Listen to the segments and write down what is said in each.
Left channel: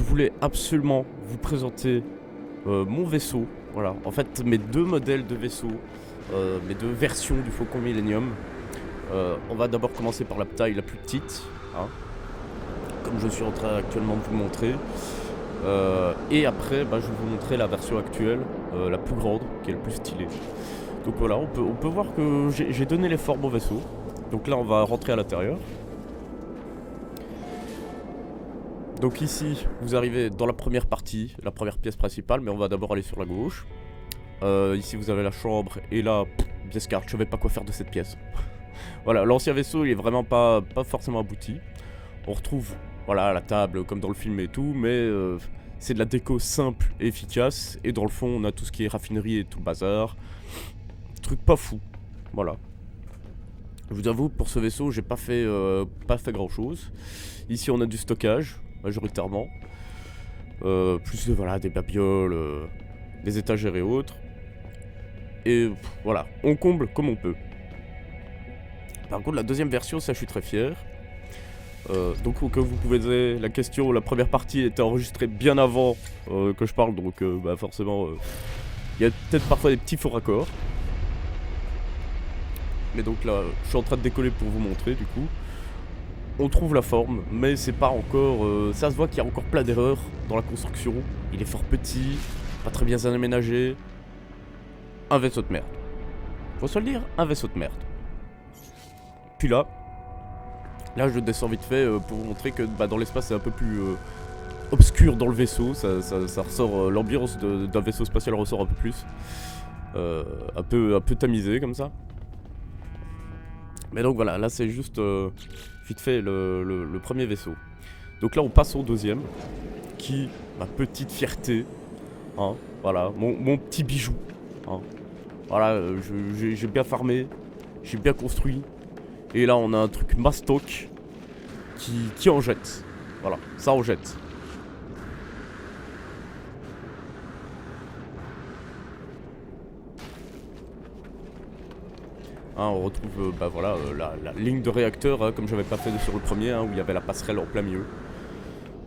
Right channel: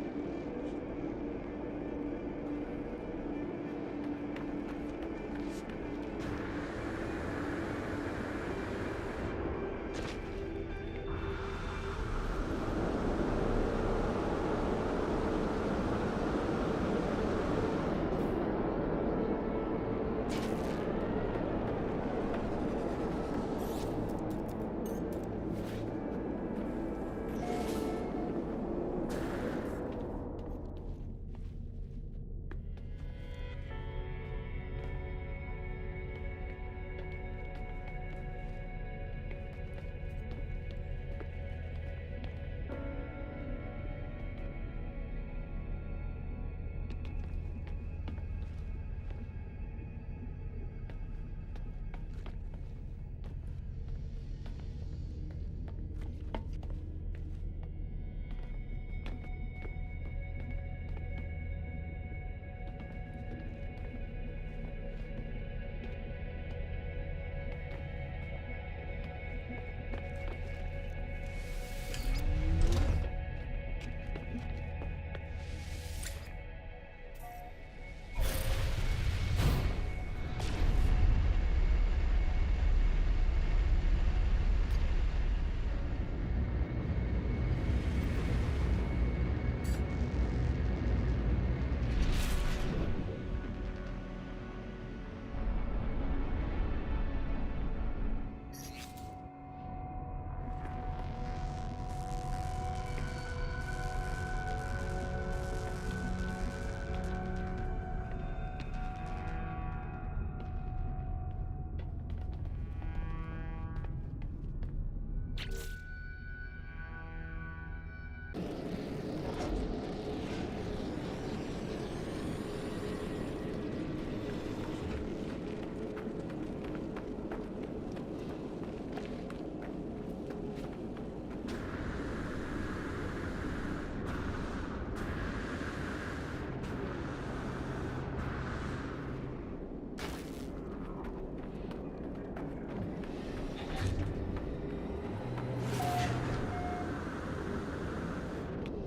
je voulais absolument vous présenter mon vaisseau. Voilà, en fait mes deux modèles de vaisseau, mes deux versions du Faucon Millenium. On va d'abord commencer par la taille la plus petite, hein, comme je suis en train actuellement de vous montrer. Et après, je vais vous montrer la version actuelle, la plus grande, qui est la plus stylée. Donc voilà, on peut voir que j'ai donné les formes au vaisseau. Donc là, on va rentrer à l'intérieur. Donc ici, vous arrivez dans la première partie, la première pièce principale, mais on va d'abord aller sur la gauche. Ici, vous avez la chambre, et là, Descartes, je ne savais pas quoi faire de cette pièce. Voilà, l'ancien vaisseau, il est vraiment pas forcément abouti. On retrouve, voilà, la table comme dans le film et tout, mais c'est de la déco simple et efficace. Et dans le fond, on a tout ce qui est raffinerie et tout le bazar. Truc pas fou, voilà. Je vous avoue, pour ce vaisseau, j'ai pas fait grand chose. Ici, on a du stockage, majoritairement. Plus voilà, des babioles, des étagères et autres. Et voilà, on comble comme on peut. Par contre, la deuxième version, ça, je suis très fier. Donc, comme vous pouvez dire, la question, la première partie était enregistrée bien avant que je parle, donc forcément, il y a peut-être parfois des petits faux raccords. Mais donc là, je suis en train de décoller pour vous montrer, du coup. On trouve la forme, mais c'est pas encore... ça se voit qu'il y a encore plein d'erreurs dans la construction. Il est fort petit, pas très bien aménagé. Un vaisseau de merde. Faut se le dire, un vaisseau de merde. Puis là, je descends vite fait pour vous montrer que dans l'espace c'est un peu plus obscur dans le vaisseau. Ça ressort, l'ambiance d'un vaisseau spatial ressort un peu plus. Un peu tamisé comme ça. Mais donc voilà, là c'est juste vite fait le premier vaisseau. Donc là on passe au deuxième, qui, ma petite fierté, hein, voilà, mon petit bijou. Hein. Voilà, j'ai bien farmé, j'ai bien construit. Et là on a un truc mastoc qui en jette. Voilà, ça en jette. Hein, on retrouve la ligne de réacteur, hein, comme j'avais pas fait sur le premier, hein, où il y avait la passerelle en plein milieu.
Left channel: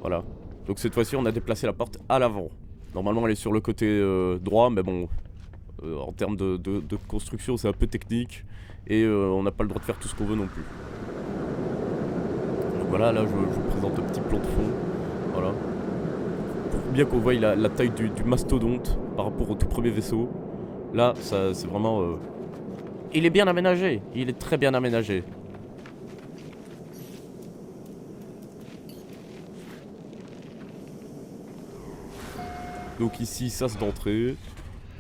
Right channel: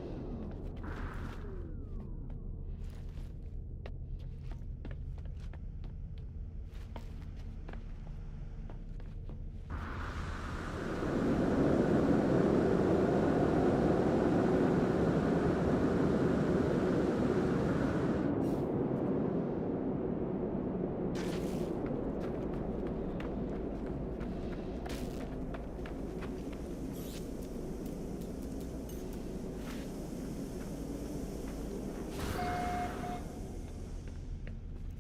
Voilà. Donc cette fois-ci on a déplacé la porte à l'avant. Normalement elle est sur le côté droit, mais bon, en termes de construction c'est un peu technique. Et on n'a pas le droit de faire tout ce qu'on veut non plus. Donc voilà, là je vous présente un petit plan de fond. Voilà. Pour bien qu'on voie la taille du mastodonte par rapport au tout premier vaisseau. Là, ça c'est vraiment... Il est bien aménagé, il est très bien aménagé. Donc ici, sas d'entrée.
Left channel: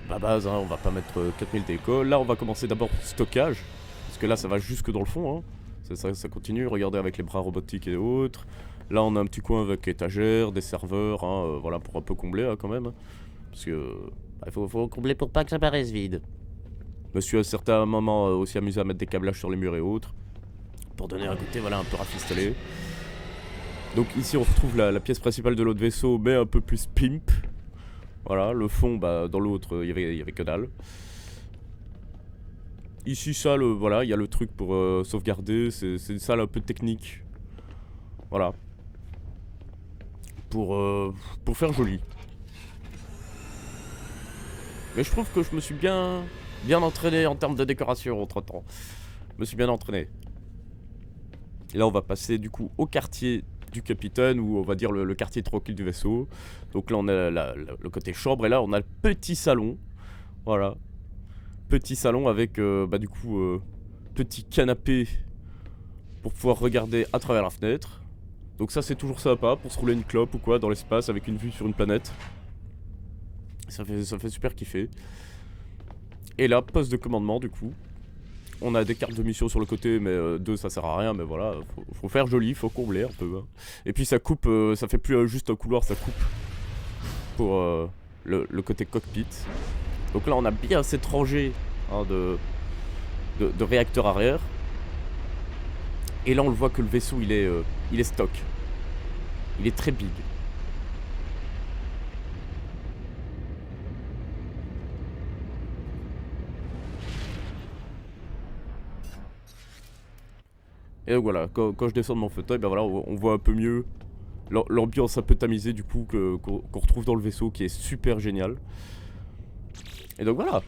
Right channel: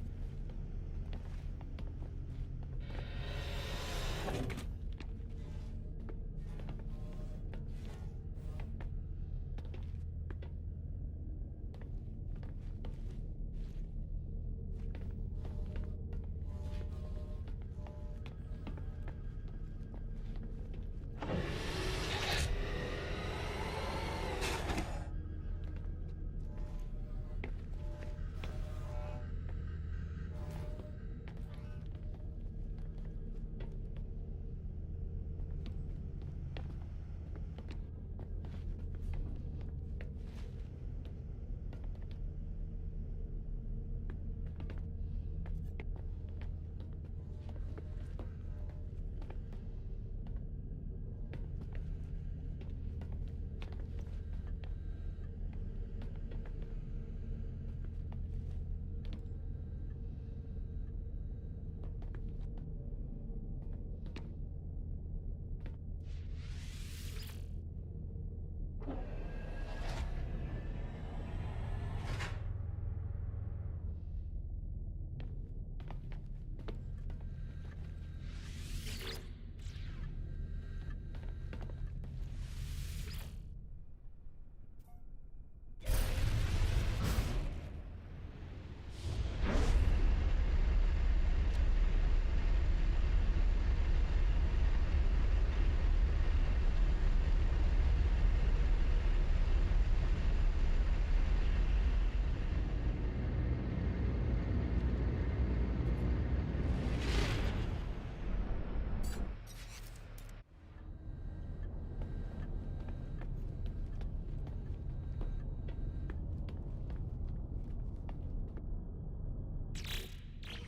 La base, hein, on va pas mettre 4000 décols. Là, on va commencer d'abord stockage. Parce que là, ça va jusque dans le fond. Hein. Ça continue, regardez avec les bras robotiques et autres. Là, on a un petit coin avec étagères, des serveurs, hein, voilà, pour un peu combler hein, quand même. Parce que il faut combler pour pas que ça paraisse vide. Je me suis à certains moments aussi amusé à mettre des câblages sur les murs et autres. Pour donner un côté voilà, un peu rafistolé. Donc ici, on retrouve la pièce principale de l'autre vaisseau, mais un peu plus pimp. Voilà, le fond, dans l'autre, il y avait que dalle. Ici, ça, voilà, il y a le truc pour sauvegarder. C'est une salle un peu technique. Voilà. Pour faire joli. Mais je trouve que je me suis bien entraîné en termes de décoration entre temps. Je me suis bien entraîné. Et là, on va passer du coup au quartier du capitaine, ou on va dire le quartier tranquille du vaisseau. Donc là, on a le côté chambre, et là, on a le petit salon. Voilà. Petit salon avec du coup petit canapé pour pouvoir regarder à travers la fenêtre. Donc ça c'est toujours sympa pour se rouler une clope ou quoi dans l'espace avec une vue sur une planète. Ça fait super kiffer. Et là, poste de commandement du coup. On a des cartes de mission sur le côté, mais deux ça sert à rien, mais voilà, faut faire joli, faut combler un peu. Hein. Et puis ça coupe, ça fait plus juste un couloir, ça coupe pour le côté cockpit. Donc là on a bien cette rangée hein, de réacteurs arrière. Et là on le voit que le vaisseau il est stock. Il est très big. Et donc voilà, quand je descends de mon fauteuil, on voit un peu mieux l'ambiance un peu tamisée du coup qu'on retrouve dans le vaisseau qui est super génial. Et donc voilà,